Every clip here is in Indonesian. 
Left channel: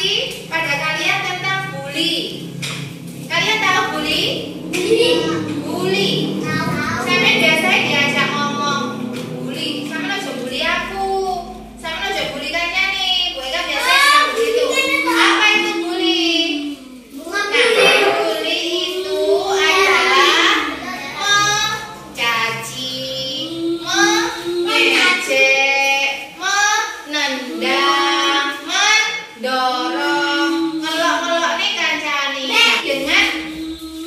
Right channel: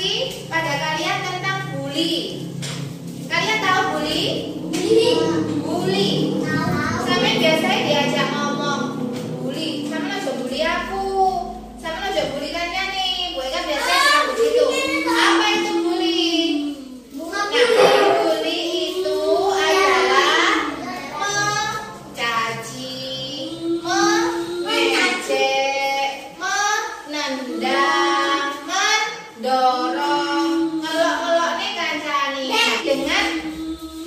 informasi pada kalian tentang bully. Kalian tahu bully? Bully. Sampai biasanya diajak ngomong bully. Sama aja bully aku. Sama aja bully kalian nih. Bu Eka biasanya bilang begitu. Apa itu bully? Nah, bully itu adalah mencaci, mengejek, menendang, mendorong, ngelok-ngelok nih kancani dengan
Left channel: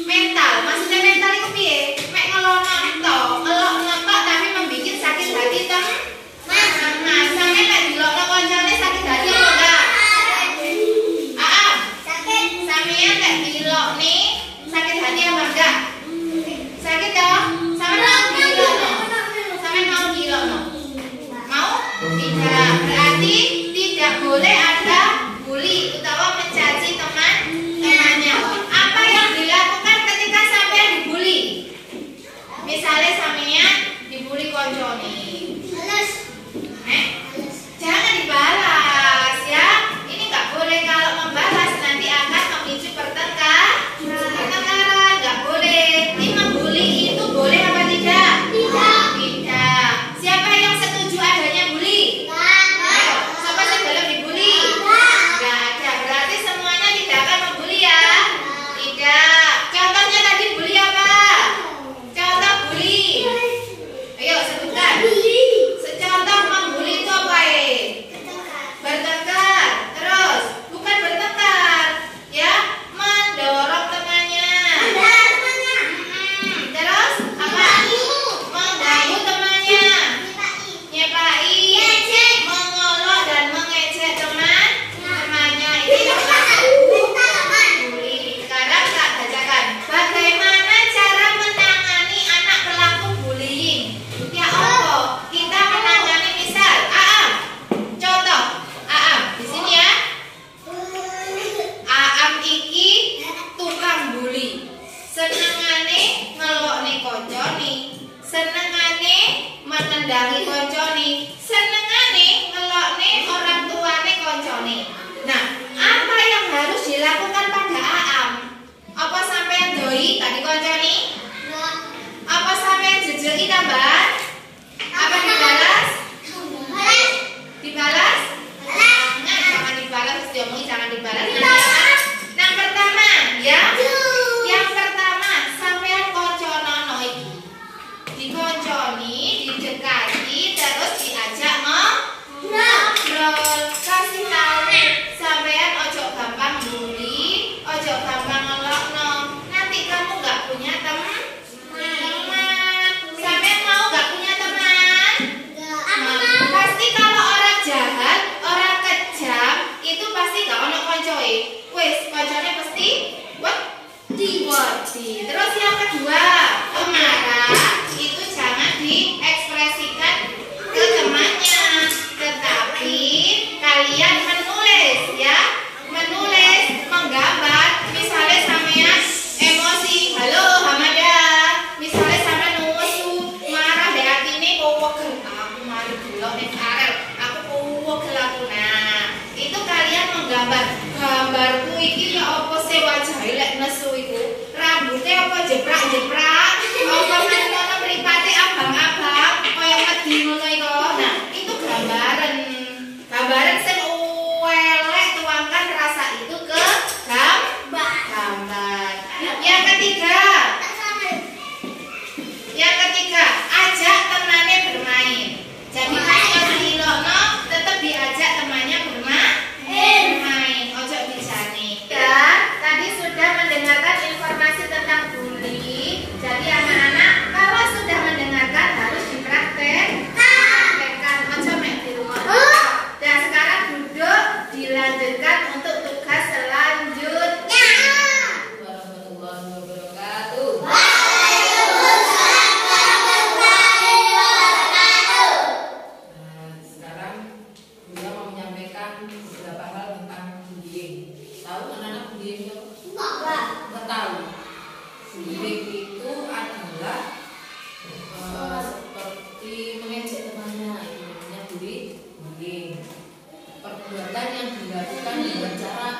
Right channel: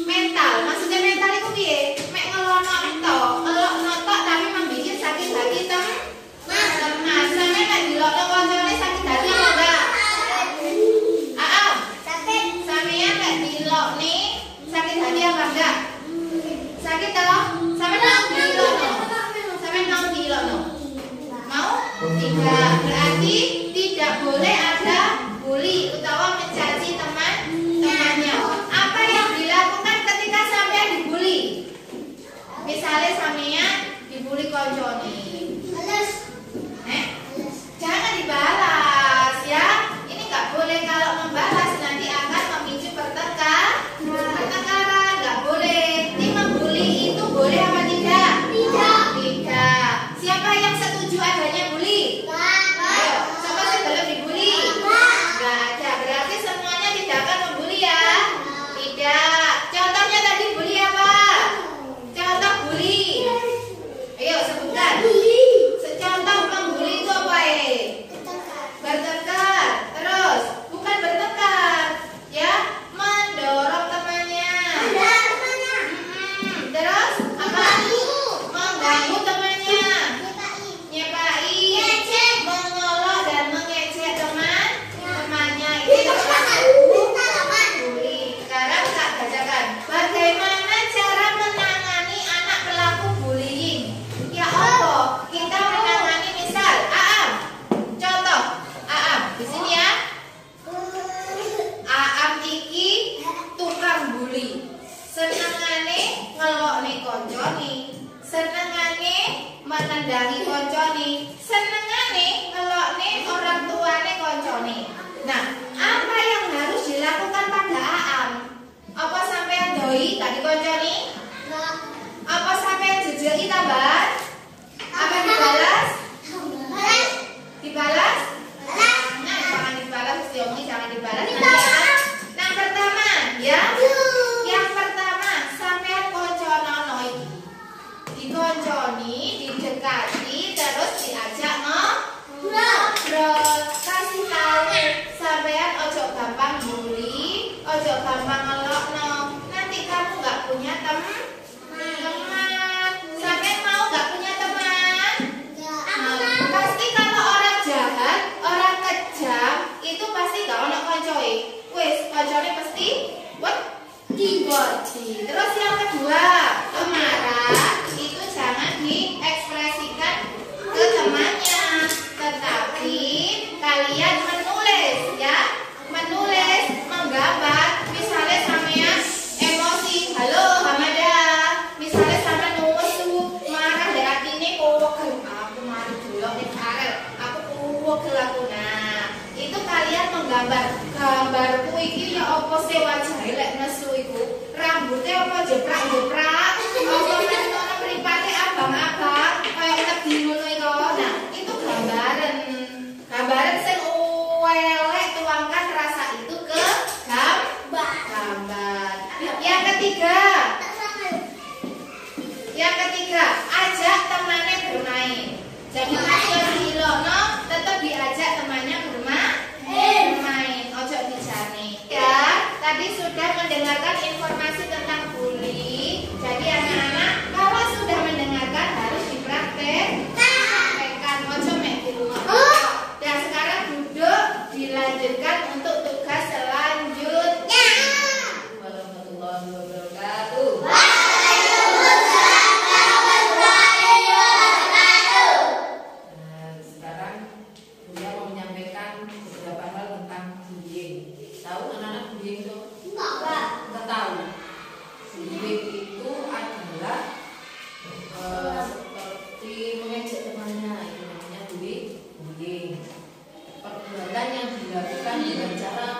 mental. Maksudnya mental itu piye? Mek ngelono tok, ngelok tok tapi membikin sakit hati temen. Nah, sampe nek dilokno kancane sakit hati apa enggak? Sakit. Sampeyan nek dilok nih sakit hati apa enggak? Sakit toh? Sampe mau dilokno. Sampe mau dilokno. Mau? Tidak. Berarti tidak boleh ada bully utawa mencaci temannya. Apa yang dilakukan ketika sampean dibully? Misalnya sampean dibully koncone. Jangan dibalas ya. Ini nggak boleh, kalau membalas nanti akan memicu pertengkaran. Nggak boleh. Ini membuli itu boleh apa tidak? Tidak. Siapa yang setuju adanya bully? Ayo, siapa sih belum dibully? Nggak ada. Berarti semuanya tidak akan membuli ya? Tidak. Contohnya tadi bully apa? Contoh bully. Ayo sebutkan. Contoh membuli itu apa bertengkar. Terus bukan bertengkar ya, mendorong temannya. Terus apa? Mengganggu temannya, nyepai, mengolok dan mengejek temannya. Ini adalah bully. Sekarang tak bacakan bagaimana cara menangani anak pelaku bullying. Ya Allah, kita menangani misal contoh di sini ya. Iki tukang bully. Senengane ngelokne koncone, senengane menendangi koncone, senengane ngelokne orang tuane koncone. Nah, apa yang harus dilakukan pada Aam? Apa sampean doi tadi koncone? Apa sampean jejeki tambahan? Apa dibalas? Dibalas? Nah, jangan dibalas, terus diomongin jangan dibalas. Nah, pertama ya. Yang pertama, sampean konconono iki. Dikonconi, didekati, terus diajak ngobrol. Kasih tahu sampean ojo gampang bully, ojo gampang ngelokno. Nanti kamu nggak punya teman. Sampean mau nggak punya teman? Pasti kalau orang jahat, orang kejam itu pasti gak ono koncoe. Wes, koncone pasti wedi. Terus yang kedua, marah itu jangan diekspresikan ke temannya, tetapi kalian menulis ya, menulis, menggambar. Misalnya sampean emosi, halo Hamada. Misalnya sampean nusu, marah deh atine kowegel. Aku mari delok ning arel, aku kowegel aku. Nah, itu kalian menggambar. Gambarku iki ya apa sih wajahe lek nesu iku? Rambutnya apa jeprak-jeprak? Apa ngono mripate abang-abang, koyo wedi ngono iku. Nah, itu gambaran. Gambaran sing elek, tuangkan rasa itu ke gambar. Yang ketiga, ajak temannya bermain. Jadi kalau dilokno tetap diajak temannya bermain. Ojo bijane. Ya, tadi sudah mendengarkan informasi tentang bully. Jadi anak-anak kalau sudah mendengarkan harus dipraktekkan. Ojo mek di rumah. Dan sekarang duduk, dilanjutkan untuk tugas selanjutnya. Warahmatullahi wabarakatuh. Sekarang Buya mau menyampaikan beberapa hal tentang bullying. Tahu anak-anak bullying itu? Enggak tahu. Bullying itu adalah seperti mengejek temannya, itu namanya bullying. Perbuatan yang dilakukan dengan cara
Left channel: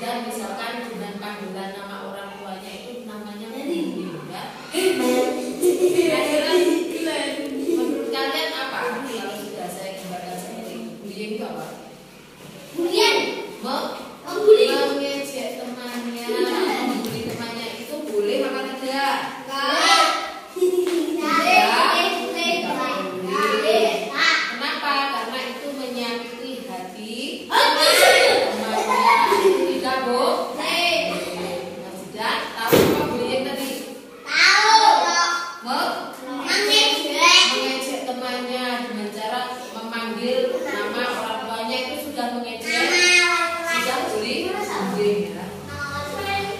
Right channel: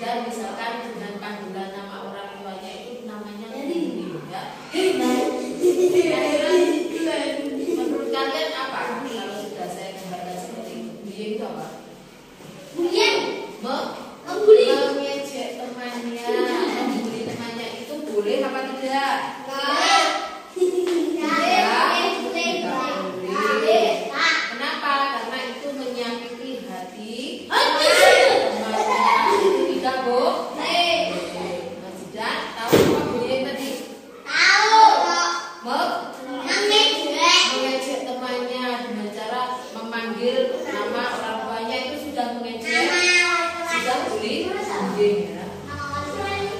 Dan misalkan dengan panggilan nama orang tuanya itu namanya bullying ya. Menurut kalian apa? Kalau sudah saya gambarkan seperti itu, bullying itu apa? Mengejek temannya, membuli temannya itu boleh apa tidak? Kenapa? Karena itu menyakiti hati temannya. Itu tidak boleh. Mas Zidan, tahu apa bullying tadi? Mengejek temannya dengan cara memanggil nama orang tuanya itu sudah mengejek, sudah bullying ya.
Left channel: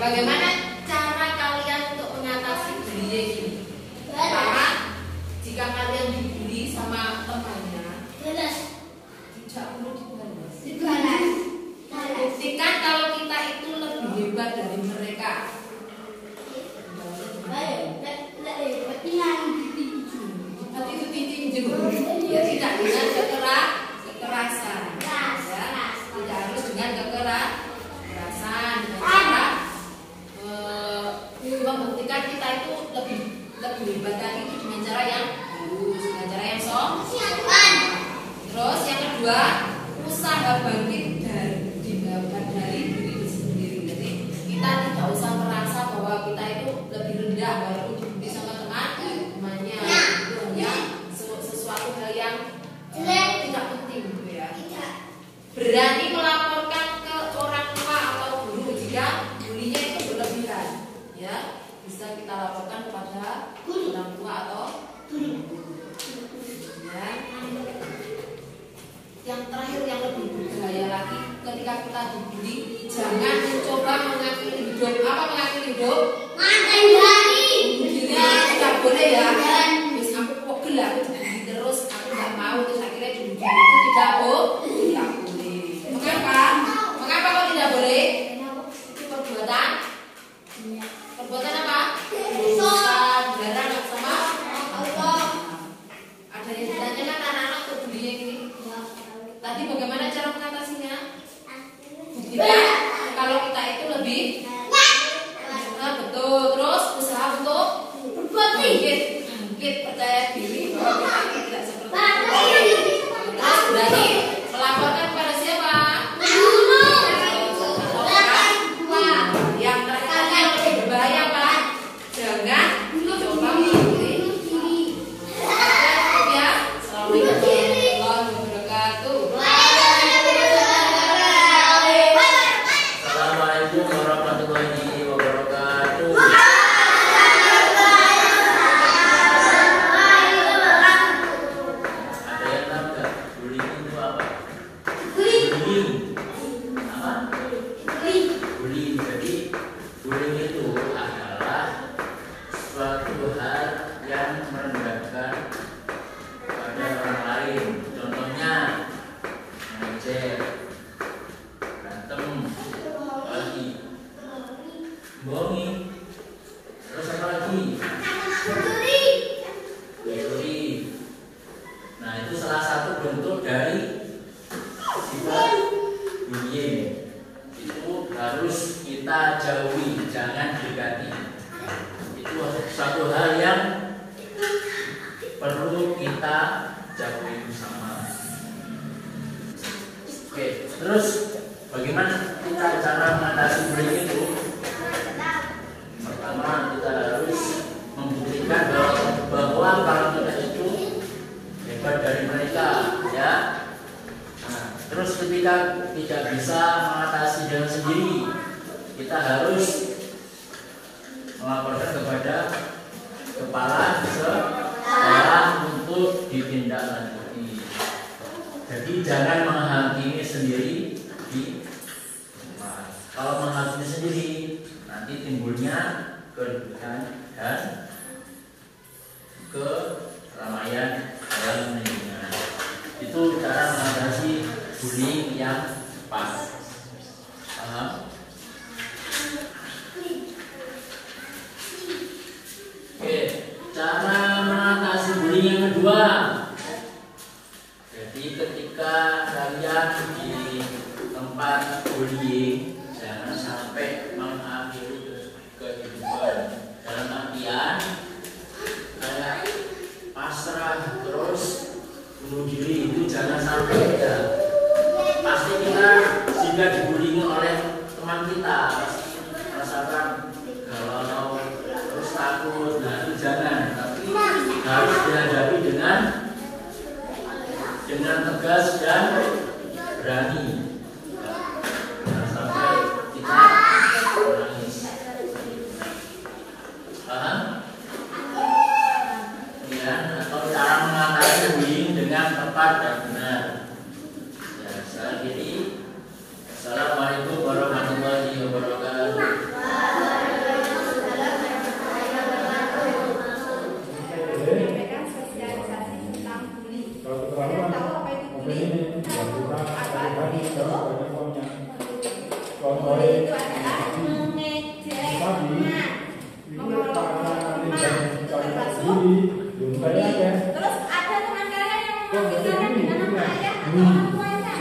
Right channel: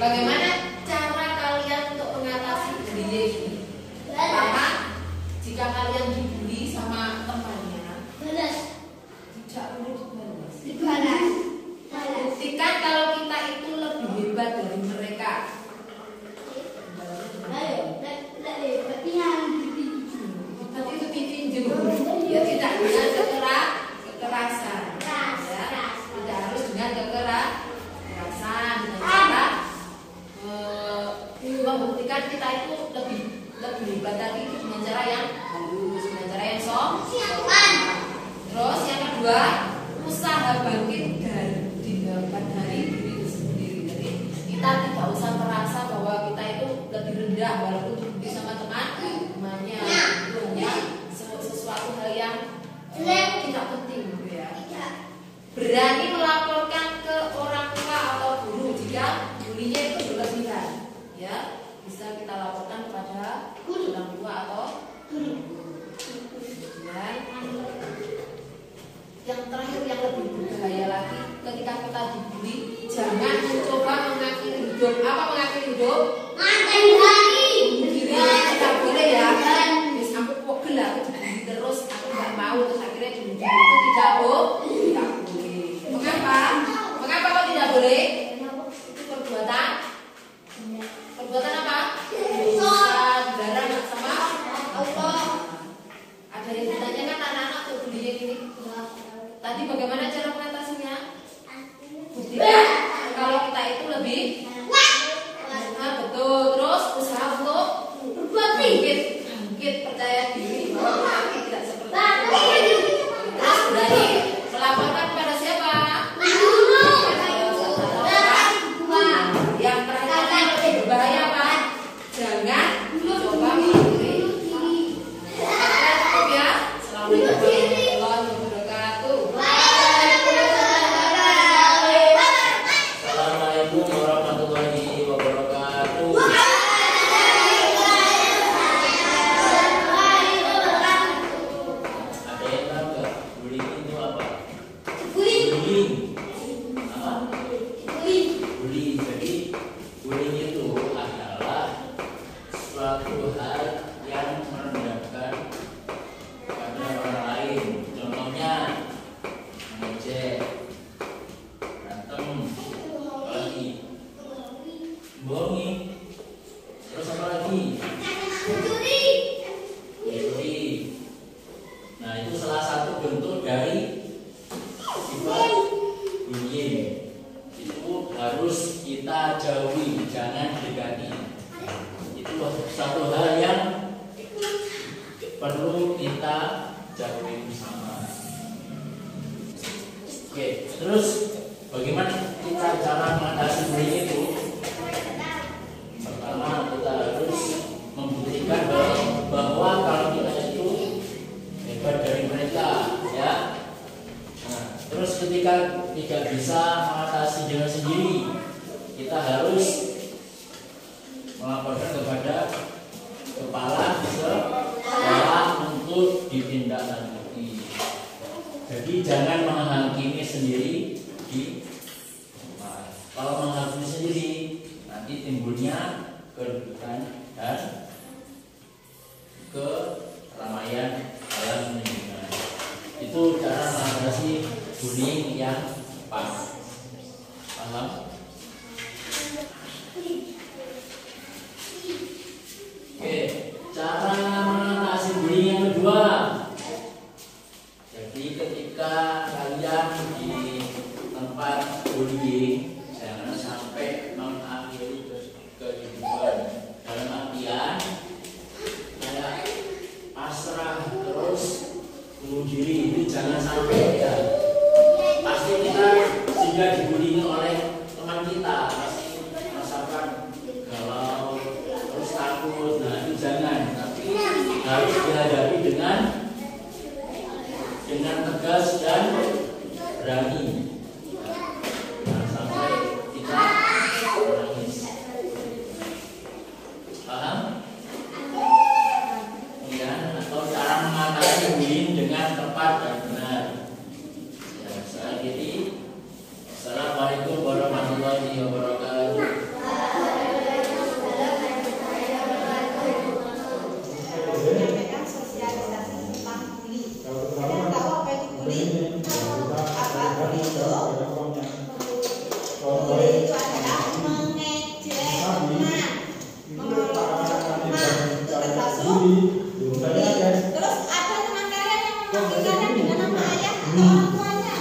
Bagaimana cara kalian untuk mengatasi bullying ini? Pertama, jika kalian dibully sama temannya, tidak perlu dibalas. Buktikan kalau kita itu lebih hebat dari mereka. Berarti itu tinju, ya tidak dengan kekerasan, ya. Tidak harus dengan kekerasan, dengan cara membuktikan kita itu lebih hebat tadi dengan cara yang halus, dengan cara yang sopan. Terus yang kedua, usaha bangkit dari diri sendiri. Jadi kita tidak usah merasa bahwa kita itu lebih rendah walaupun dibully sama temannya. Itu hanya sesuatu hal yang tidak penting, gitu ya. Berani melaporkan ke orang tua atau guru jika bulinya itu berlebihan, ya. Bisa kita laporkan kepada orang tua atau guru. Ya. Yang terakhir yang lebih berbahaya lagi, ketika kita dibully, jangan mencoba mengakhiri hidup. Apa mengakhiri hidup? Tidak boleh ya. Bis aku pegel, aku dibully terus, aku nggak mau, terus akhirnya dibully itu tidak boleh. Mengapa? Mengapa kok tidak boleh? Itu perbuatan apa? Dosa, dilarang nggak sama Allah. Ada yang ditanyakan anak-anak untuk bullying ini? Tadi bagaimana cara mengatasinya? Buktikan kalau kita itu lebih betul. Terus usaha untuk bangkit, percaya diri bahwa kita tidak seperti itu. Terus berani melaporkan kepada siapa? Yang terakhir yang lebih berbahaya apa? Jangan coba mengakhiri diri. Ya, assalamualaikum warahmatullahi wabarakatuh. Assalamualaikum warahmatullahi wabarakatuh. Ada yang tahu nggak bullying itu apa? Bullying apa? Bullying. Jadi bullying itu adalah suatu hal yang merendahkan pada orang lain. Contohnya mengejek, berantem, lagi bohongi, terus apa lagi? Mencuri. Nah, itu salah satu bentuk dari sifat bullying. Itu harus kita jauhi, jangan dekati. Itu suatu hal yang perlu kita jauhi bersama. Oke, terus bagaimana kita cara mengatasi bullying itu? Pertama, kita harus membuktikan bahwa kalau kita itu hebat dari mereka, ya. Nah, terus ketika tidak bisa mengatasi dengan sendiri, kita harus melaporkan kepada kepala sekolah untuk ditindaklanjuti. Jadi jangan menghakimi sendiri di rumah. Kalau menghakimi sendiri, nanti timbulnya kerugian dan keramaian dalam lingkungan. Itu cara mengatasi bullying yang pas. Paham? Oke, cara mengatasi bullying yang kedua. Jadi ketika kalian di tempat bullying, jangan diri itu jangan sampai ya. Pasti kita jika dibully oleh teman kita pasti merasakan galau terus takut. Nah itu jangan, tapi harus dihadapi dengan tegas dan berani. Jangan sampai kita menangis. Paham? Ya, atau cara mengatasi bullying dengan tepat dan benar. Ya, saya akhiri. Assalamualaikum warahmatullahi wabarakatuh. Menyampaikan sosialisasi tentang bully. Kalian tahu apa itu bully? Apa bully itu? Bully itu adalah mengejek teman, mengolok-olok teman. Itu termasuk bully. Terus ada teman kalian yang memanggil kalian dengan nama ayah atau orang tuanya?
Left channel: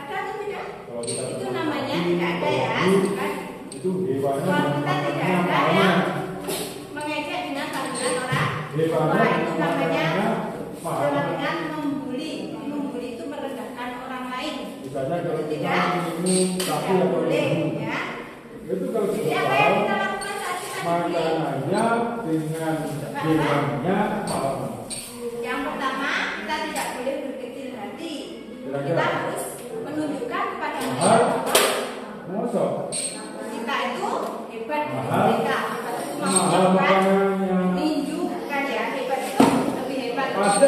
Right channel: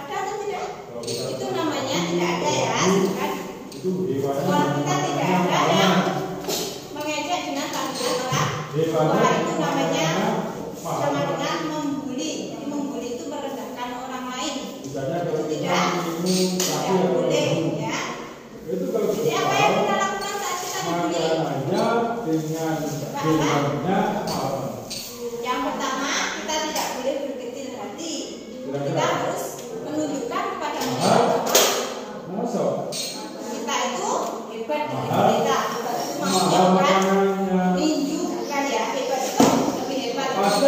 Ada atau tidak? Itu namanya tidak ada ya. Kan? Sekolah kita tidak ada yang mengejek dengan panggilan orang tua. Itu namanya sama dengan membuli. Jadi membuli itu merendahkan orang lain. Tidak boleh ya. Jadi apa yang kita lakukan saat kita dibully? Yang pertama, kita tidak boleh berkecil hati. Kita harus menunjukkan kepada mereka bahwa kita itu hebat dari mereka. Hebat itu maksudnya bukan ninju, bukan ya. Hebat itu lebih hebat kita dari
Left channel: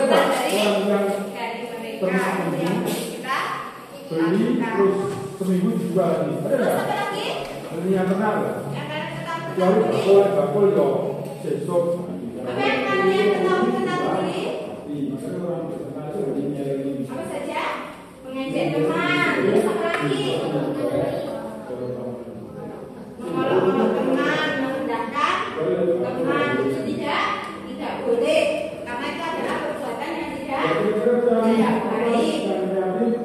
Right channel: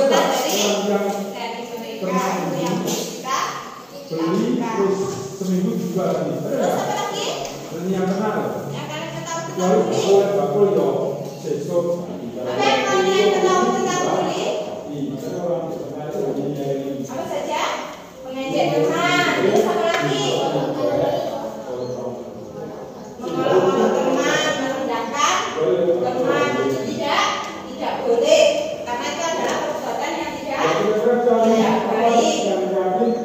mereka. Itu yang kita lakukan. Terus apa lagi? Yang kalian ketahui tentang bully? Apa yang kalian ketahui tentang bully? Apa saja? Mengejek teman. Terus apa lagi? Mengolok-olok teman, merendahkan teman. Itu tidak boleh. Karena itu adalah perbuatan yang tidak baik.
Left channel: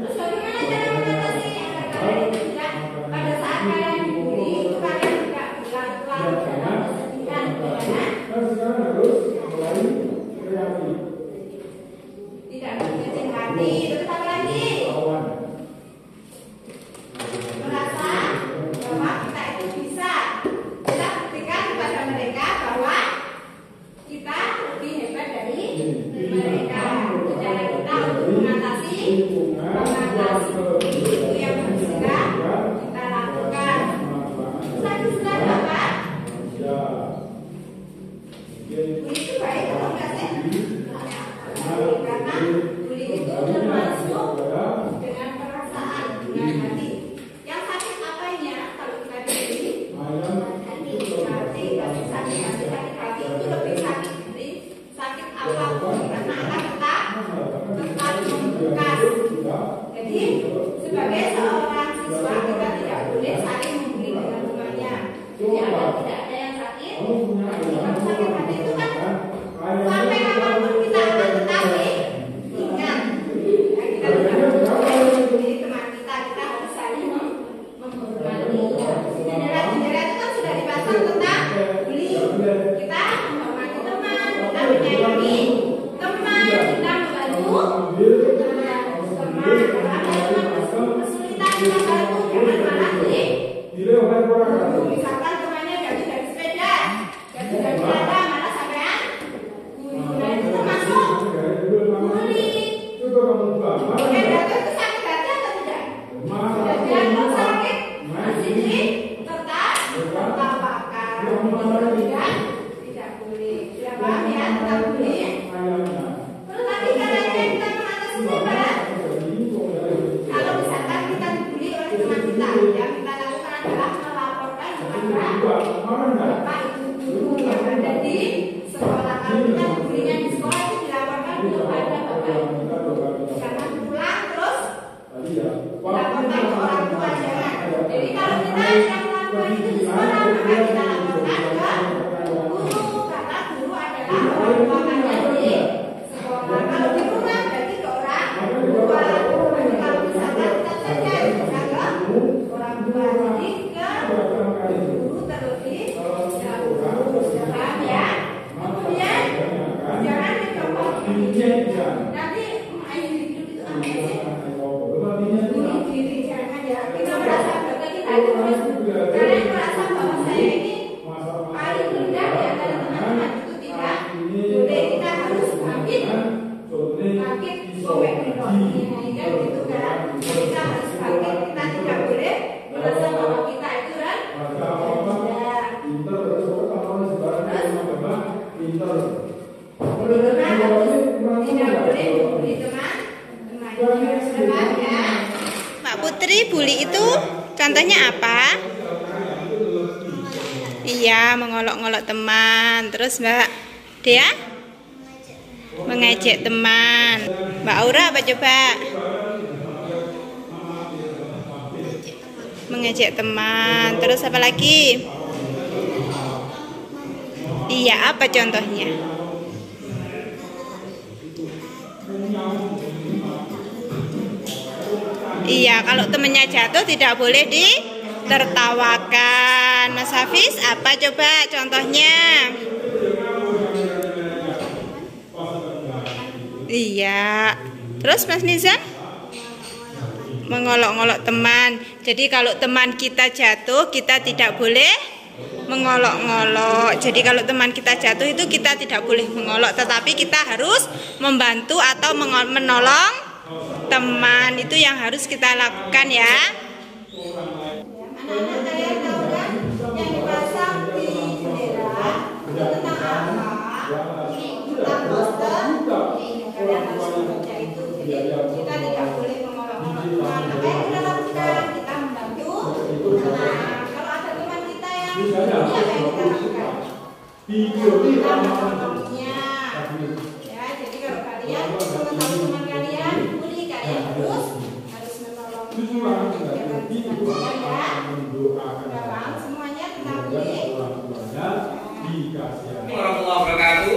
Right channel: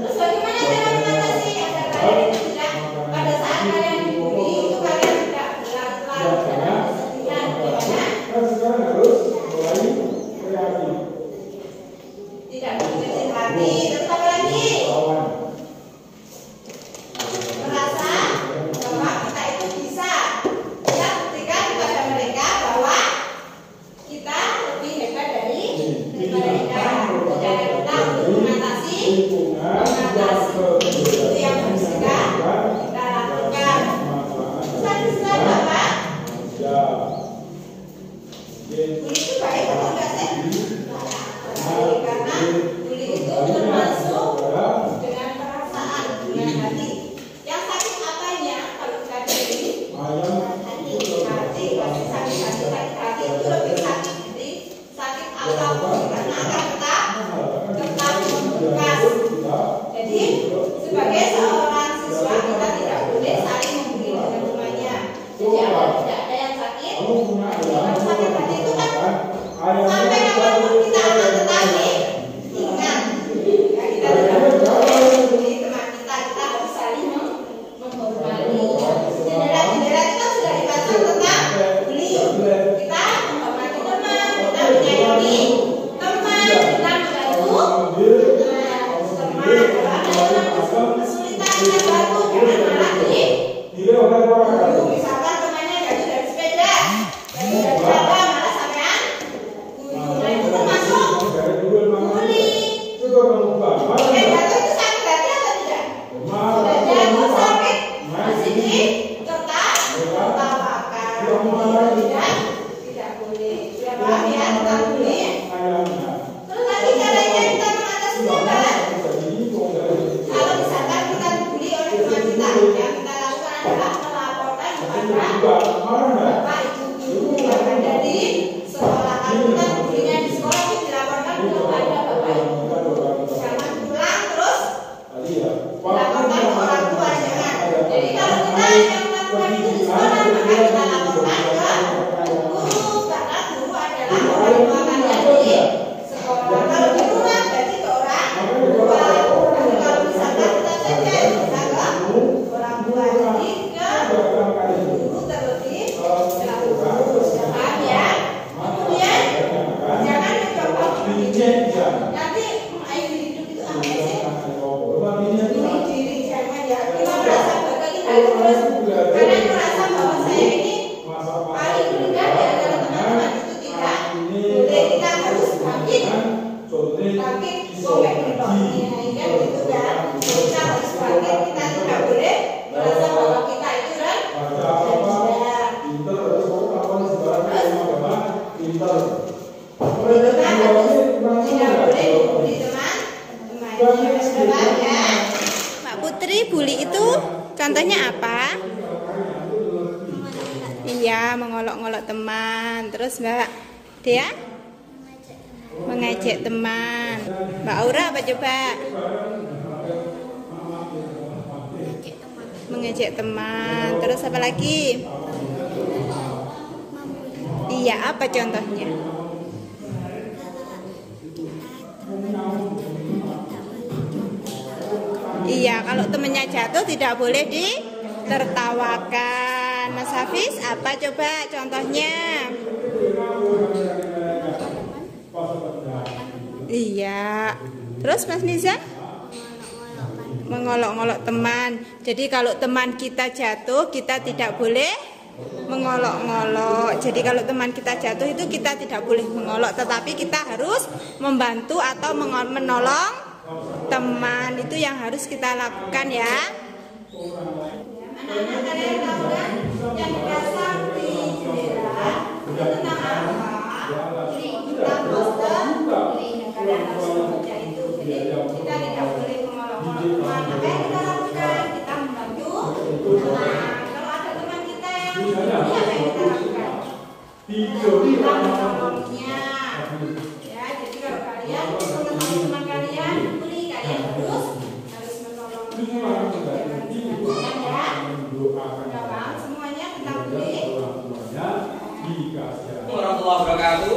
Terus bagaimana cara mengatasi agar kalian tidak pada saat kalian dibully itu kalian tidak berlarut-larut dalam kesedihan? Bagaimana? Tidak berkecil hati. Terus apa lagi? Merasa bahwa kita itu bisa. Kita buktikan kepada mereka bahwa kita lebih hebat dari mereka. Cara kita untuk mengatasi itu yang harus kita lakukan. Lagi selain apa? Bully itu baik atau enggak sih? Karena bully itu termasuk dengan perasaan, dengan hati. Yang sakit apanya kalau kita dibully? Hati. Sakit hati itu lebih sakit dari sakit apapun karena akan tetap membekas. Jadi sebagai seorang siswa kita tidak boleh saling membuli dengan temannya. Jadi tidak ada yang sakit. Sakit hati itu kan sampai kapanpun kita akan tetap diingat. Ya, kita tidak boleh membuli teman kita. Kita harus saling menghormati. Jendela-jendela itu kan sudah dipasang tentang bully. Kita menghormati teman, kita menyayangi teman, kita membantu teman. Kalau ada teman kesulitan kita bantu, jangan malah dulu. Misalkan temannya jatuh dari sepeda, jatuh dari apa, malah sampean guru. Nah itu termasuk bully. Jatuh itu sakit hati atau tidak? Sudah jatuh sakit, masih ditertawakan. Tidak boleh. Sudah paham ya tentang bully? Terus lagi caranya kita mengatasi apa? Kalau misalkan kita dibully oleh teman kita, yang kita lakukan adalah melaporkan kepada bapak ibu guru yang ada di sekolah. Kalau kita bullyingnya di sekolah itu dilaporkan kepada bapak ibu guru. Jangan pulang terus dilaporkan ke orang tua, jangan. Jadi kalau kita yang melakukan itu di sekolah, maka kita laporkan ke guru karena guru adalah orang tua kalian di sekolah. Kalau di rumah berarti ke orang tua. Tapi kalau misalkan kita saja bisa ke orang tua, jadi ke guru terlebih dahulu. Sudah paham ya? Kemudian jangan mencoba nanti Ayu Mbak Putri, bully itu contohnya apa? Iya, mengolok-olok teman. Terus Mbak Dea? Mengejek teman. Mbak Aura apa coba? Mengejek teman. Terus apa lagi? Iya, apa contohnya? Iya, kalau temennya jatuh tidak boleh ditertawakan. Mas Hafiz, apa coba contohnya? Iya. Terus Mas Nizam? Mengolok-olok teman. Jadi kalau teman kita jatuh, kita tidak boleh mengolok-ngolok. Jadi kalau teman kita jatuh itu kita tidak boleh mengolok, tetapi kita harus membantu atau menolong teman. Itu yang harus kita lakukan ya. Anak-anak kalian tahu kan yang dipasang di jendela itu tentang apa? Tentang poster. Kalian harus membaca itu. Jadi kita tidak boleh mengolok-ngolok teman. Apa yang kita lakukan? Kita membantu teman. Kalau ada teman kita yang ini apa yang kita lakukan? Kita menolongnya. Ya, jadi kalau kalian mengetahui teman kalian, kalian harus menolongnya. Sekarang semuanya tentang bully. Warahmatullahi wabarakatuh.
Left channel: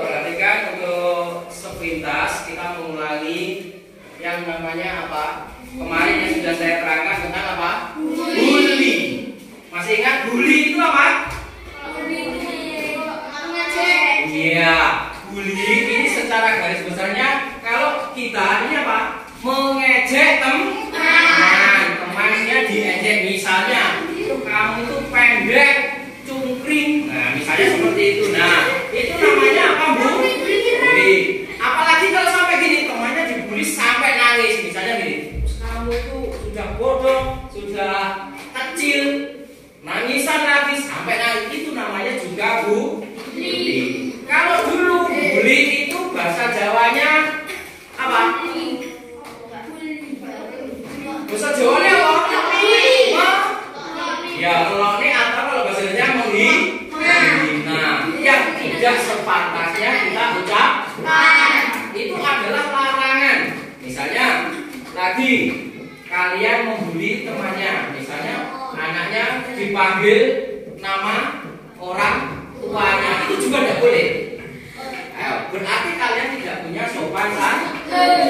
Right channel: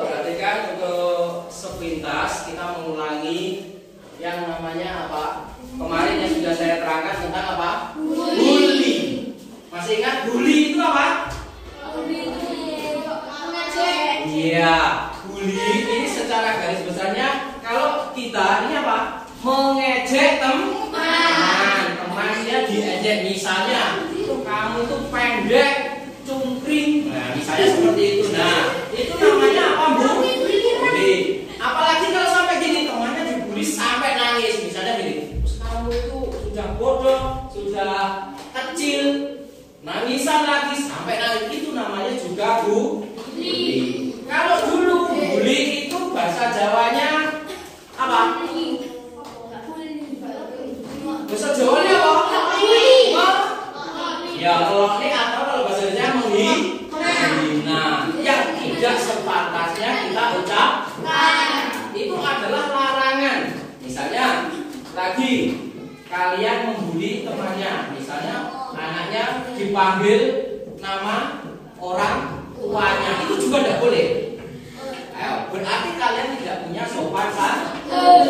Perhatikan untuk sepintas kita mengulangi yang namanya apa? Kemarin yang sudah saya terangkan tentang apa? Bully. Masih ingat bully itu apa? Iya, bully ini secara garis besarnya kalau kita ini apa? Mengejek temannya diejek, misalnya kamu tuh pendek, cungkring, nah misalnya seperti itu. Nah, itu namanya apa, Bu? Bully. Apalagi kalau sampai gini, temannya dibully sampai nangis, misalnya gini, kamu tuh sudah bodoh, sudah kecil, nangisan lagi sampai nangis, itu namanya juga bully. Kalau dulu bully itu bahasa Jawanya apa? Bahasa Jawanya apa? Ya, meloni atau kalau bahasa Jawanya menghina. Yang tidak sepantasnya kita ucapkan itu adalah larangan. Misalnya lagi kalian membuli temannya, misalnya anaknya dipanggil nama orang tuanya, itu juga tidak boleh. Berarti kalian tidak punya sopan santun.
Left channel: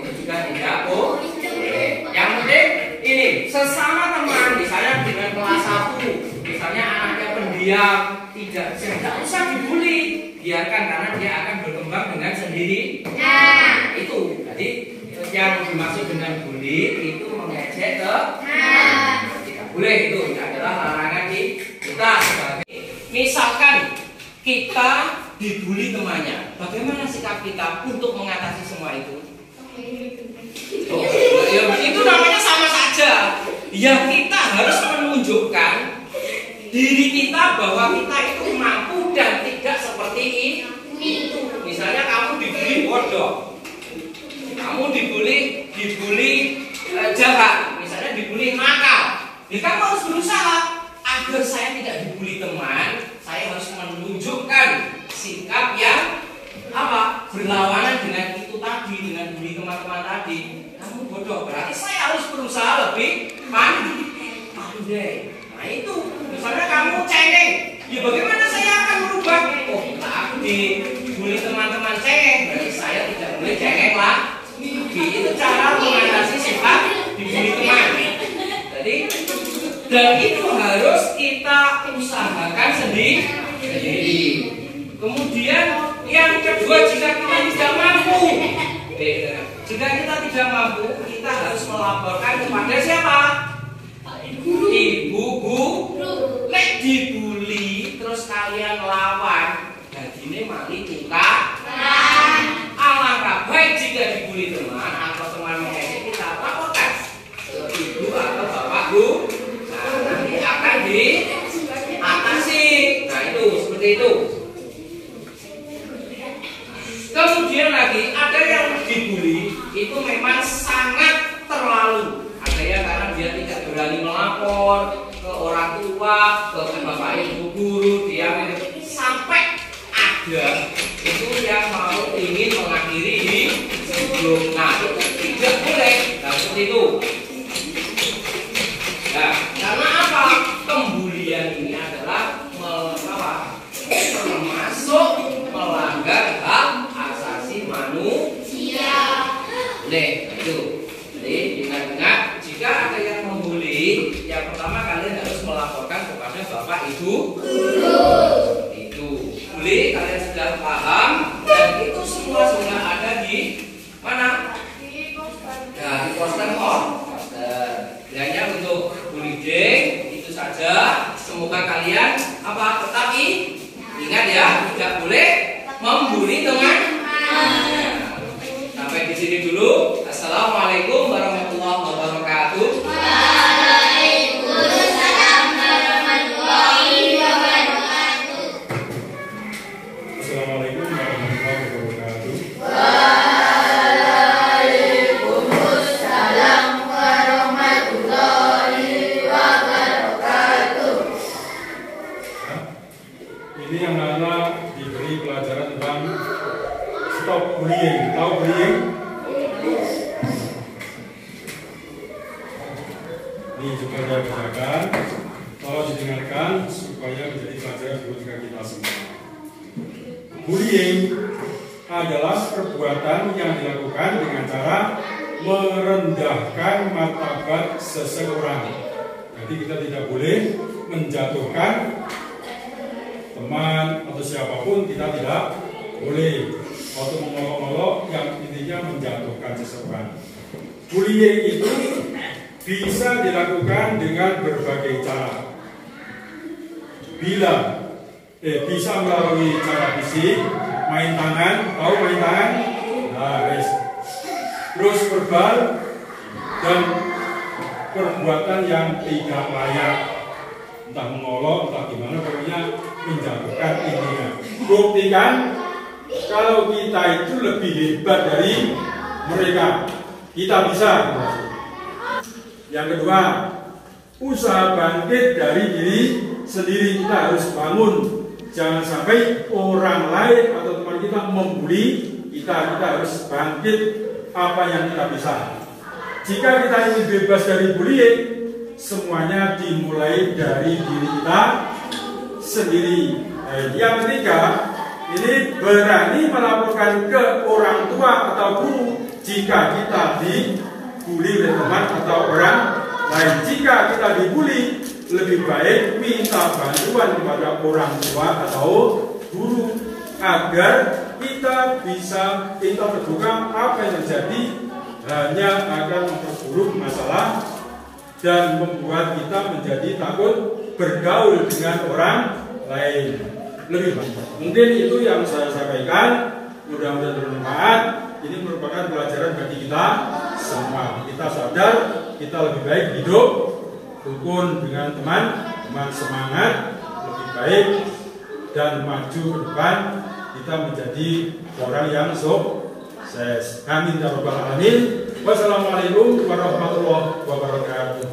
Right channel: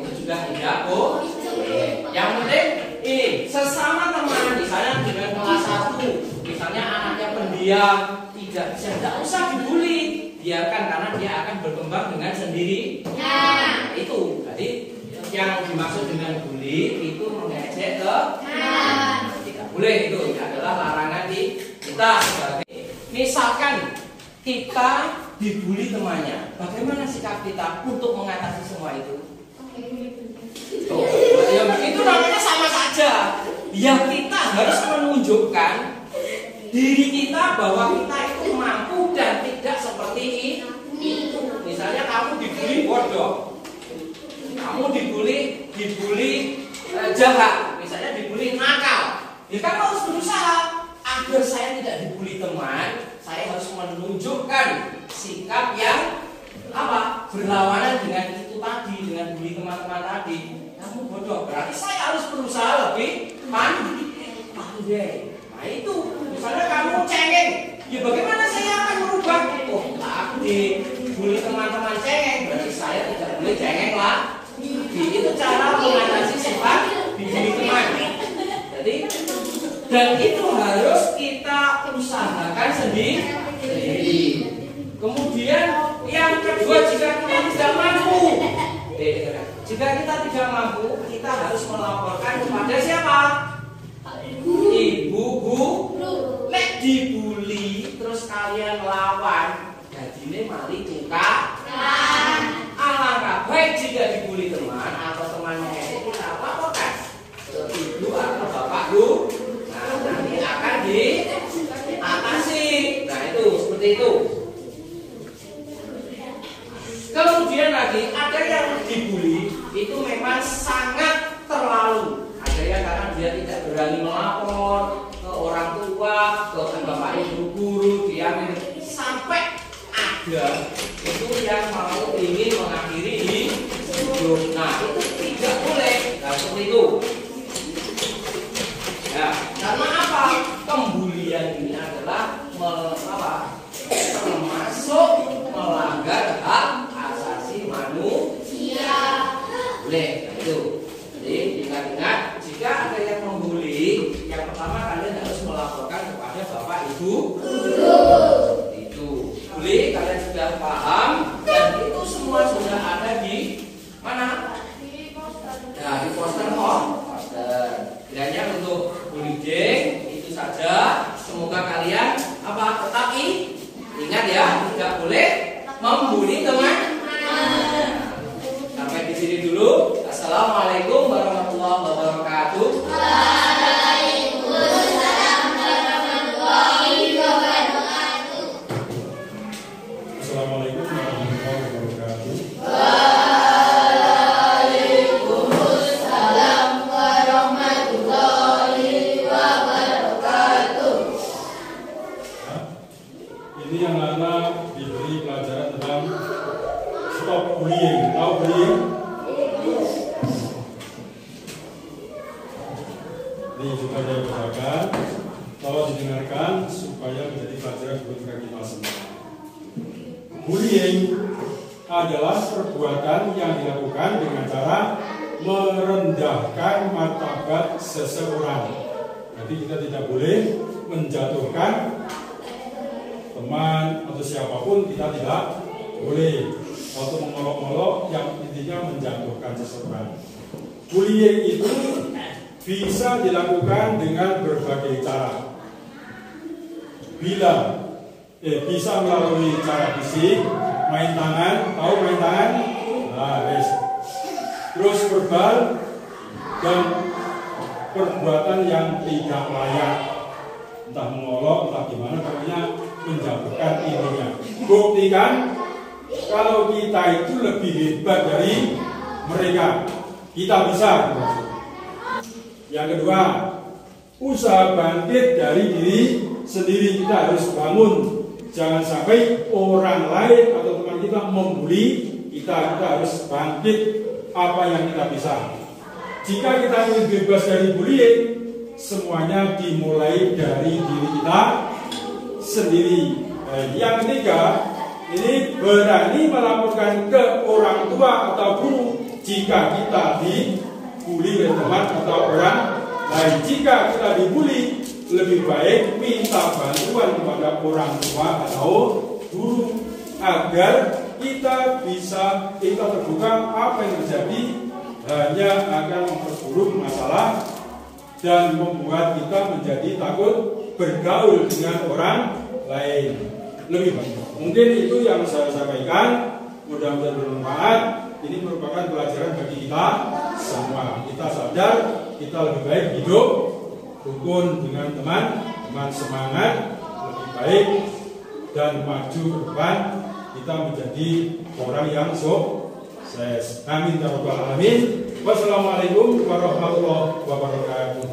Itu juga tidak boleh. Yang penting ini sesama teman, misalnya dengan kelas 1, misalnya anaknya pendiam, tidak usah dibully, biarkan karena dia akan berkembang dengan sendiri. Itu jadi yang dimaksud dengan bully itu mengejek tidak boleh, itu adalah larangan di kita sebagai. Misalkan kita dibully temannya, bagaimana sikap kita untuk mengatasi semua itu? Itu namanya sama saja. Ya, kita harus menunjukkan diri kita bahwa kita itu mampu dan tidak seperti itu. Misalnya kamu dibully bodoh, kamu dibully jahat, misalnya dibully nakal. Kita harus berusaha agar saya tidak dibully teman. Saya harus menunjukkan sikap yang apa? Berlawanan dengan itu tadi, dengan bully teman-teman tadi. Kamu bodoh, berarti saya harus berusaha lebih pandai. Nah itu, misalnya kamu cengeng, ya bagaimana saya akan merubah? Oh, aku dibully teman-teman cengeng, berarti saya tidak boleh cengeng lah. Itu cara mengatasi sifat dibully teman. Jadi, dan itu harus kita usahakan sendiri. Kemudian yang kedua, jika kita tidak mampu, jika kita tidak mampu, kita harus melaporkan kepada siapa? Ibu, guru. Nek dibully terus kalian lawan, dadine mali tukar. Alangkah baik jika dibully teman atau teman mengejek, kita laporkan ke ibu atau bapak guru. Nah, nanti akan diatasi. Nah itu seperti itu. Kemudian lagi ada yang dibully itu memang sangat terlalu. Ada yang karena dia tidak berani melapor ke orang tua, ke bapak ibu guru, dia sampai ada itu yang mau ingin mengakhiri hidup. Nah itu tidak boleh. Nah seperti itu. Ya, karena apa? Pembulian ini adalah termasuk melanggar hak asasi manusia. Boleh itu. Jadi ingat-ingat jika ada yang membuli, yang pertama kalian harus melaporkan kepada bapak ibu guru. Itu. Boleh kalian sudah paham dan itu semua sudah ada di mana? Ya, di poster poster. Hanya untuk bullying itu saja. Semoga kalian tetap ingat ya, tidak boleh membuli teman. Sampai di sini dulu. Assalamualaikum warahmatullahi wabarakatuh. Waalaikumsalam warahmatullahi wabarakatuh. Assalamualaikum warahmatullahi wabarakatuh. Waalaikumsalam warahmatullahi wabarakatuh. Ini anak-anak diberi pelajaran tentang stop bullying. Tahu bullying? Ini juga saya bacakan. Tolong didengarkan supaya menjadi pelajaran buat kita semua. Bullying adalah perbuatan yang dilakukan dengan cara merendahkan martabat seseorang. Jadi kita tidak boleh menjatuhkan teman atau siapapun, kita tidak boleh atau mengolok-olok yang intinya menjatuhkan seseorang. Bullying itu bisa dilakukan dengan berbagai cara. Bisa melalui cara fisik, main tangan, tahu main tangan? Nah, terus verbal dan perbuatan yang tidak layak, entah mengolok, entah gimana, pokoknya menjatuhkan intinya. Buktikan kalau kita itu lebih hebat dari mereka, kita bisa. Yang kedua, usaha bangkit dari diri sendiri. Kita harus bangun. Jangan sampai orang lain atau teman kita membuli kita. Kita harus bangkit apa yang kita bisa. Jika kita ingin bebas dari bullying, semuanya dimulai dari diri kita sendiri. Yang ketiga, ini berani melaporkan ke orang tua atau guru jika kita dibully oleh teman atau orang lain. Jika kita dibully, lebih baik minta bantuan kepada orang tua atau guru agar kita terbuka apa yang terjadi hanya akan memperburuk masalah dan membuat kita menjadi takut bergaul dengan orang lain. Lebih banyak. Mungkin itu yang saya sampaikan. Mudah-mudahan bermanfaat. Ini merupakan pelajaran bagi kita semua. Kita sadar kita lebih baik hidup rukun dengan teman semangat, lebih baik dan maju ke depan. Kita menjadi orang yang sukses. Amin ya rabbal alamin. Wassalamualaikum warahmatullahi wabarakatuh.